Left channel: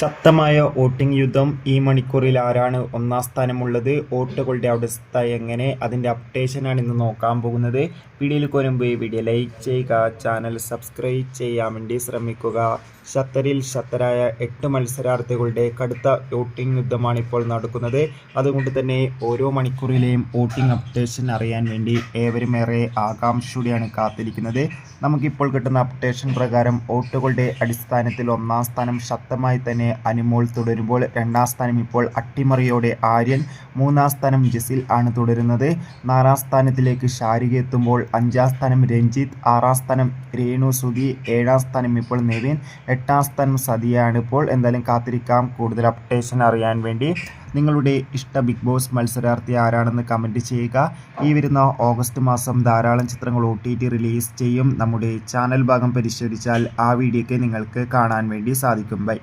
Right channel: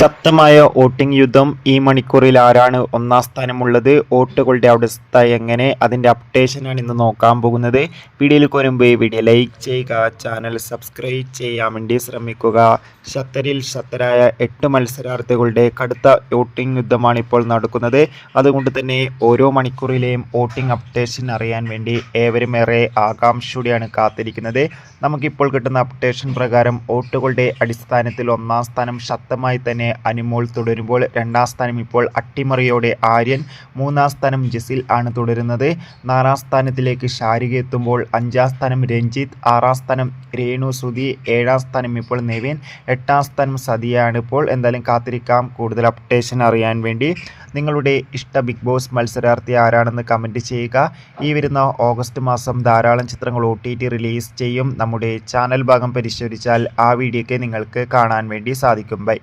ശക്തമായ വോട്ടിംഗ് യുദ്ധം. ഈ മണിക്കൂറിൽ ആരാണ് ഒന്നാം സ്ഥാനമുള്ളത്, വോട്ടുകളുടെ അവസ്ഥ എങ്ങനെ, അതിൻ്റെ അപ്ഡേഷനാണ് ഇന്ന് നോക്കാൻ പോകുന്നത്. വീഡിയോയിൽ വരുമ്പോൾ വീഡിയോ ലൈക്ക് ചെയ്യുക, ചാനൽ സബ്സ്ക്രൈബ് ചെയ്യാൻ വേണ്ടി ശ്രമിക്കുക. ശക്തരായ 8 മത്സരാർത്ഥികളുടെ കടുത്ത വോട്ടിംഗ് യുദ്ധമാണ് ഇപ്പോൾ നടക്കുന്നത്. അതുകൊണ്ട് തന്നെ ഓരോ മണിക്കൂറിലെയും വോട്ടിംഗ് അപ്ഡേഷൻ അറിയാൻ വേണ്ടി ഏവരും ഏറെ ആകാംക്ഷയോടെയാണ് കാത്തിരിക്കുന്നത്. നമുക്കിപ്പോൾ കിട്ടുന്ന അപ്ഡേഷൻ പ്രകാരം വോട്ടുകളുടെ അടിസ്ഥാനത്തിൽ ഒന്നാം സ്ഥാനം ശക്തമായി തന്നെ അനുമോൾ തുടരുമ്പോൾ, രണ്ടാം സ്ഥാനം ഇപ്പോൾ അട്ടിമറിയോടെ ആര്യൻ, മൂന്നാം സ്ഥാനം ജസിൽ ആണ് തുടരുന്നത്. 4ാം സ്ഥാനത്തിലേക്ക് ഷാരിക എത്തുമ്പോൾ 5ാം സ്ഥാനം രഞ്ജിത്ത്, 6ാം സ്ഥാനം രേണു സുധി, 7ാം സ്ഥാനം ഇപ്പോൾ നെവിൻ, 8ാം സ്ഥാനം സതിയാണ്. ഇപ്പോൾ എന്തായാലും കാത്തിരിക്കാം കൂടുതൽ അപ്ഡേഷൻ അറിയാൻ വേണ്ടി. നിങ്ങളുടെ ഇഷ്ട ബിഗ് ബോസ് മത്സരാർത്ഥി ആരാണെന്ന് കമൻറ്റ് ചെയ്യുക. ഈ വരുന്ന ഓഗസ്റ്റ് മാസം ധാരാളം ചിത്രങ്ങൾ OTT റിലീസ് ചെയ്യും. നമ്മുടെ ചാനൽ ഭാഗം പരിശോധിച്ചാൽ ആ വീഡിയോയ്ക്ക് നിങ്ങൾക്ക് കാണാൻ വേണ്ടി സാധിക്കും. ബൈ.